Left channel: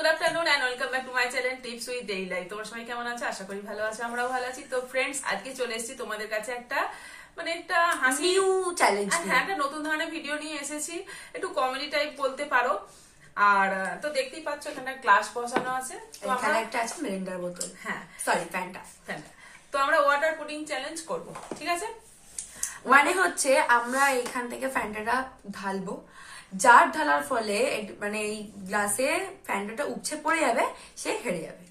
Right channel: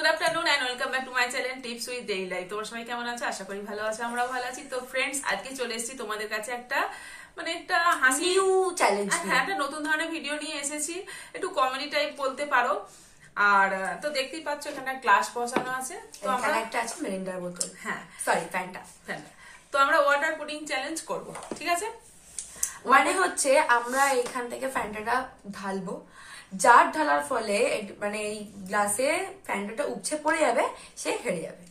Good afternoon and welcome back to my channel tips with daily life. তোমার সবাই কেমন আছো? আশা করি ভালো আছো, আমরাও ভালো আছি। তো ফ্রেন্ডস, আজকে চলে এসেছি তোমাদের কাছে একটা একটা হাসি নিউ চ্যালেঞ্জ, হ্যাঁ একটা নতুন ধরনের ভিডিও নিয়ে এসেছি, একটু কমেডি টাইপ বলতে পারো। আর তো দেখতেই পাচ্ছ এখানে গ্লাস বসানো আছে, তো এখানে একটা আছে মিরিন্ডার বোতল, হ্যাঁ সরি ফ্যান্টা। তো আমরা ওয়াটার পুডিং চ্যালেঞ্জ করব, ঠিক আছে? মানে হচ্ছে আমরা এখান থেকে ফ্যান্টাটা ঢালবো, যার ঢালার ফলে মানে এই গ্লাসে ফ্যান্টাটা উপচে পড়ে যাবে, সে হেরে যাবে।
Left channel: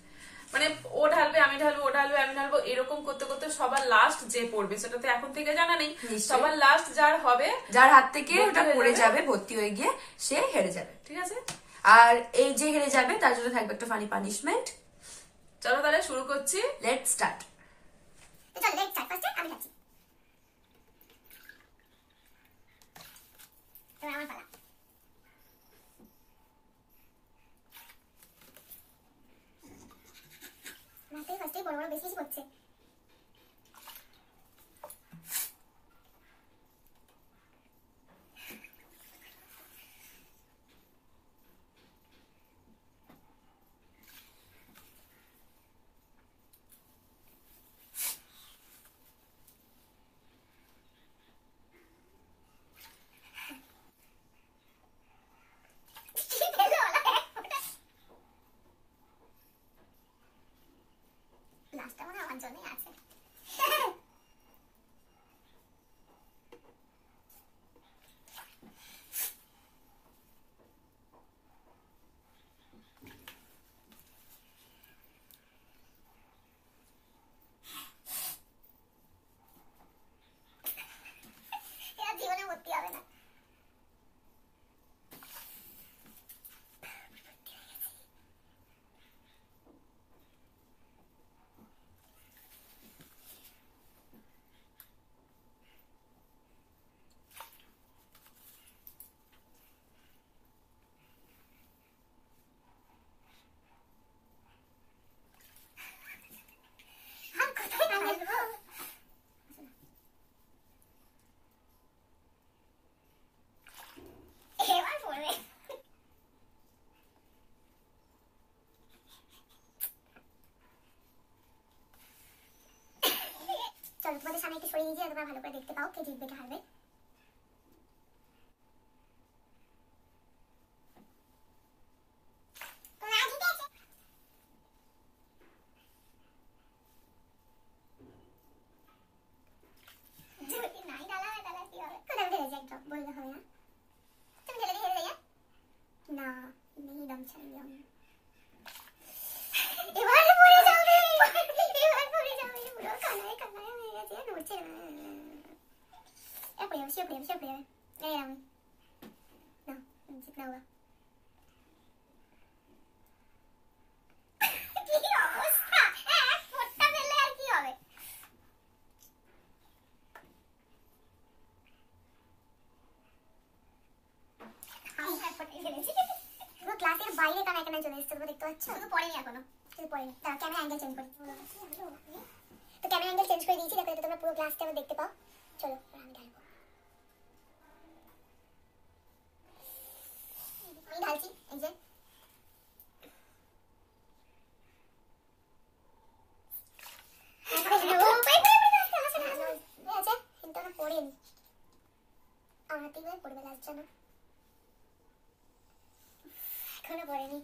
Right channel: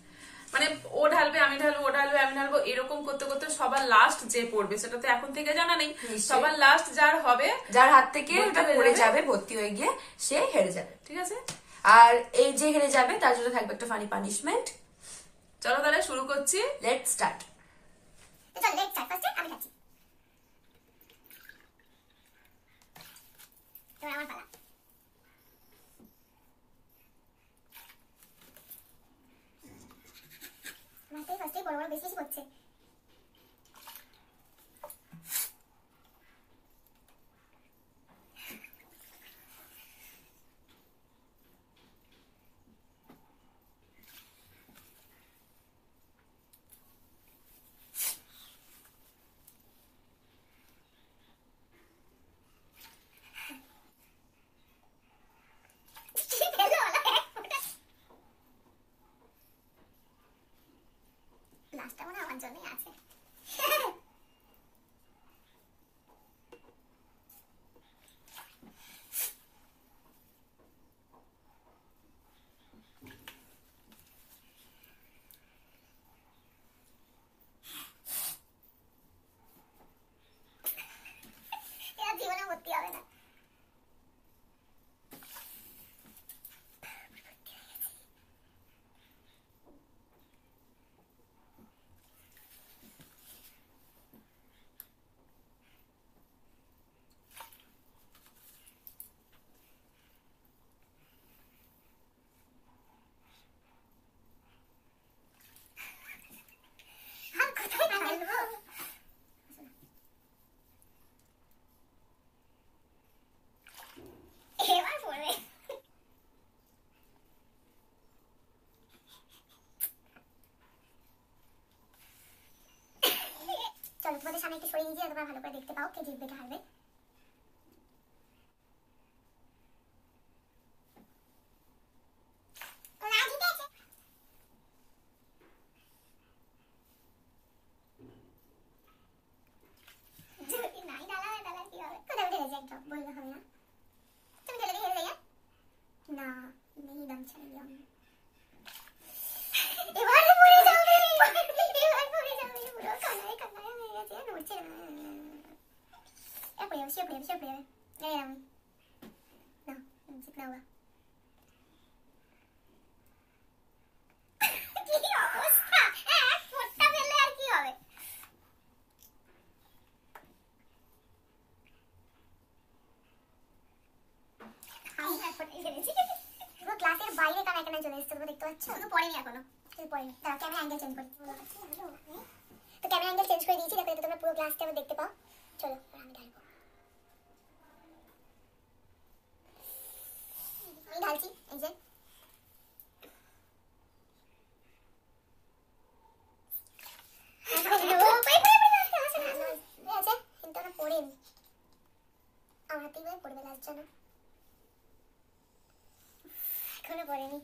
মানে ও ঢালবে, আমি ঢালবো, ও ঢালবে, আমি ঢালবো, এরকম করতে করতে সবার লাস্ট যে পড়বে, সেটা তো এখন থেকে জানা নেই, সবার লাস্ট যার হবে, যার হাত থেকে ওটা পড়ে যাবে ভর্তি হয়ে গিয়ে, সে হেরে যাবে, ঠিক আছে? আর এই যে হেরে যাবে তার জন্য থাকবে একটা ফানি পানিশমেন্ট। চলো তাহলে শুরু করছি, লেটস স্টার্ট। আমি খাচ্ছি, আমার পালা। মাথায় ফার্স্টে বড় বড় বেশি বেশি করছে। লাস্টটা মনে আমার জন্যই আছে। এরা জীবনে ভর্তি হবে না। এবার পড়বে। চলো তোমাদের সামনে একটু সরিয়ে নিয়ে তোমরা ভালো করে দেখতে পাও কে জিতবে কে হারবে। বললে হবে না, তুমি ঢেলে দিয়ে হেরে যাবে না, নেই দম ছাড়িয়ে এবার পড়ে যাবে, এবার পড়ে যাবে, পুরো কানায় কানায় হয়ে গেছে, নড়ছে না, পড়ে যাবে, সে পড়ে যাবে, সে পড়ে যাবে, এই আমি না জিত না হোগা। কি অবস্থা, এক ফোঁটা ফেললে আর কি হবে? পুরো ক্লাসের বাইরে কানায় কানায় চলে এসেছে, তোমরা দেখতে পাচ্ছ? শুধু পড়েনি এখনো, শুধু পড়েনি। দাঁড়া ক্যামেরা অ্যাঙ্গেল চেঞ্জ করি, তো ক্যামেরা অ্যাঙ্গেল চেঞ্জ করে দিয়েছি, যাতে তোমরা পুরো ক্লাসটা দেখতে পাও। চলো আমি ঢালবো, আমি ঢালছি, এই যে পড়েনি, আমার হাতেই পড়বে লাস্ট জানো, এখনো পড়েনি,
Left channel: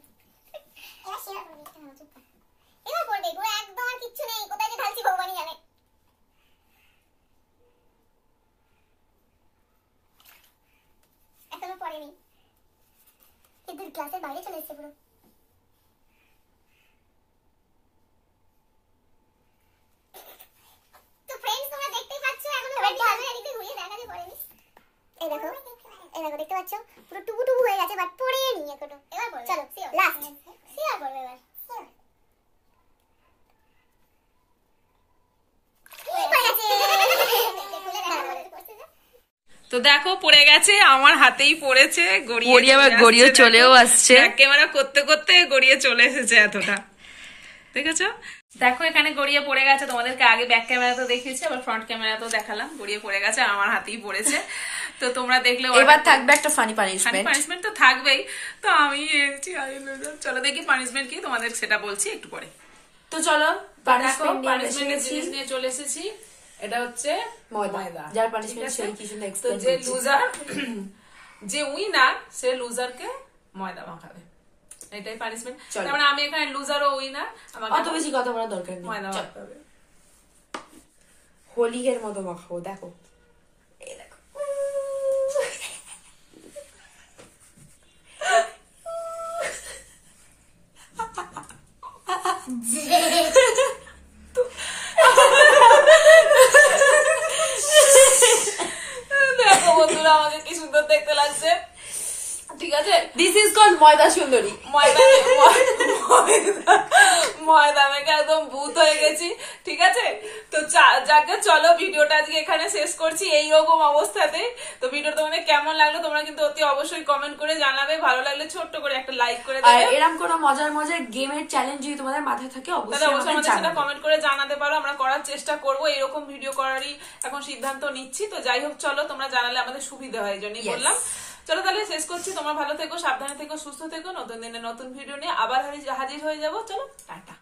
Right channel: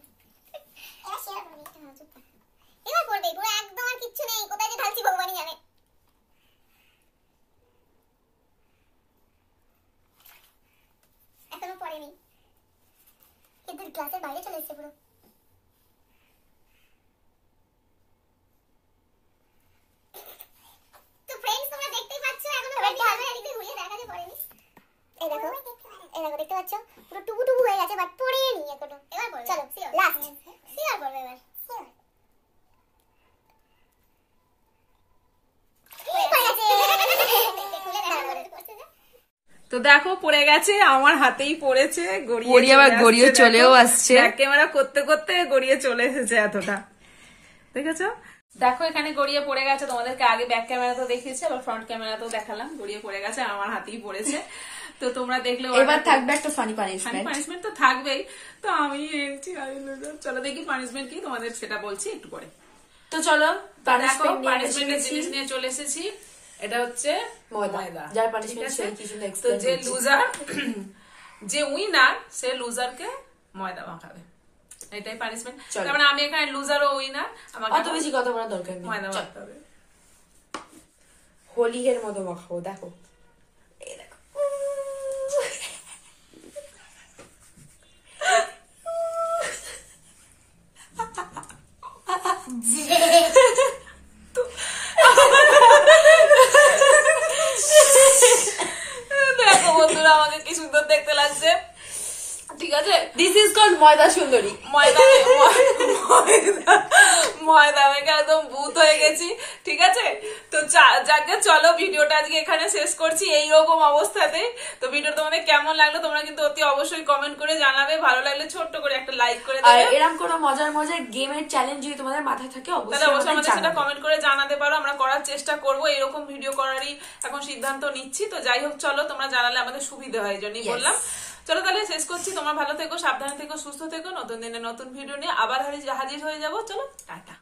এবার পড়বে, পুরো একদম আর কিচ্ছু নেই, কোথায় যে ঢালছি ভগবানই জানে। এখনো পড়েনি, কিন্তু ক্লাসের বাইরে চলে এসছে পুরো। তো ফ্রেন্ডস তোমরা দেখতেই পাচ্ছ এখনো এদিকে ঘুরিয়ে দেখা যে পড়েনি। এই দেখো, এই দেখো দেখতে পাচ্ছ পুরো টুবু টুবু হয়ে গেছে, বাট পড়েনি এখনো। এবার পড়বে, চলো লাস্ট সিয়ার পড়বে এবার। তো দেখো পড়ে গেছে, আমার হাতেই পড়েছে, গড়িয়ে আবার গড়িয়ে চলেও আসছে, ক্যামেরা করতে করতে গড়িয়ে চলে এসেছে এতটা, দেখেছো? দেখো এখানে গড়িয়ে পড়ে গেছে, তোমাদেরকে আগে ব্যাক ক্যামেরাতেও দেখিয়েছি, আবার ফ্রন্ট ক্যামেরাতেও দেখালাম, গড়িয়ে পড়ে গেছে, আমার হাতেই পড়েছে। তো তোমরা দেখলে এবার থাকবে একটা ফানি পানিশমেন্ট। পানিশমেন্ট তো থাকবেই। তো আমি এনেছি চলো দেখি পানিশমেন্ট কি, তোমাদের সেটা বলছি একটু পরে। তো চলো পানিশমেন্ট পানিশমেন্ট নিয়ে চলে এসেছি। এটা হচ্ছে ময়দা, যার পানিশমেন্ট সেই কিছু তো এক্সপ্লেইন যে করছি। লুজার যে উইনার সে লুজারকে ময়দা মাখাবে, এটাই পানিশমেন্ট। চলো। তার মানে আমি এখানে লুজার ও উইনার, আমাকে অত বেশি কথা বলার দরকার নেই, ময়দা চল। মাখতে হবে। হোলির মতো মাখাবো, দেখো এই দেখো। দেখো বন্ধুরা আমাকে কি সুন্দর দেখতে লাগছে, ঠিক আছে। দিস ইজ কল্ড ময়দা সুন্দরী। ময়দা মেখে একদম ভূত হয়ে গেছি, ঠিক আছে। তো যাকে চলো ভিডিওটা আজকে এখানে শেষ করছি এইরকম অবস্থাতে। তো ভিডিও তোমাদের কেমন লাগলো তোমরা কিন্তু অতি অবশ্যই কমেন্ট করে জানাবে, ভালো লাগলে ছোট্ট করে একটা লাইক করে আর দেবে। এরকম কোনো মজার মজার গেমের চ্যালেঞ্জ যদি তোমাদের মাথায় থাকে তাহলে অবশ্যই অবশ্যই আমাদের আমাদের সেটা জানাবে। কমেন্ট করে জানাতে পারো, আমরা করার চেষ্টা করব। এরকম ভিডিও করারই এখন সিদ্ধান্ত নিচ্ছি। তো যাই হোক চলো, তোমরা জানালে আমাদের সুবিধা হয়, এই জন্যই Yes. বললাম। চলো তাহলে শেষ করছি, তোমরা ভালো থেকো, সাবধানে থেকো, সুস্থ থেকো। নতুন দিনে নতুন ভিডিও নিয়ে আবার হাজির হয়ে যাবো। চলো টাটা।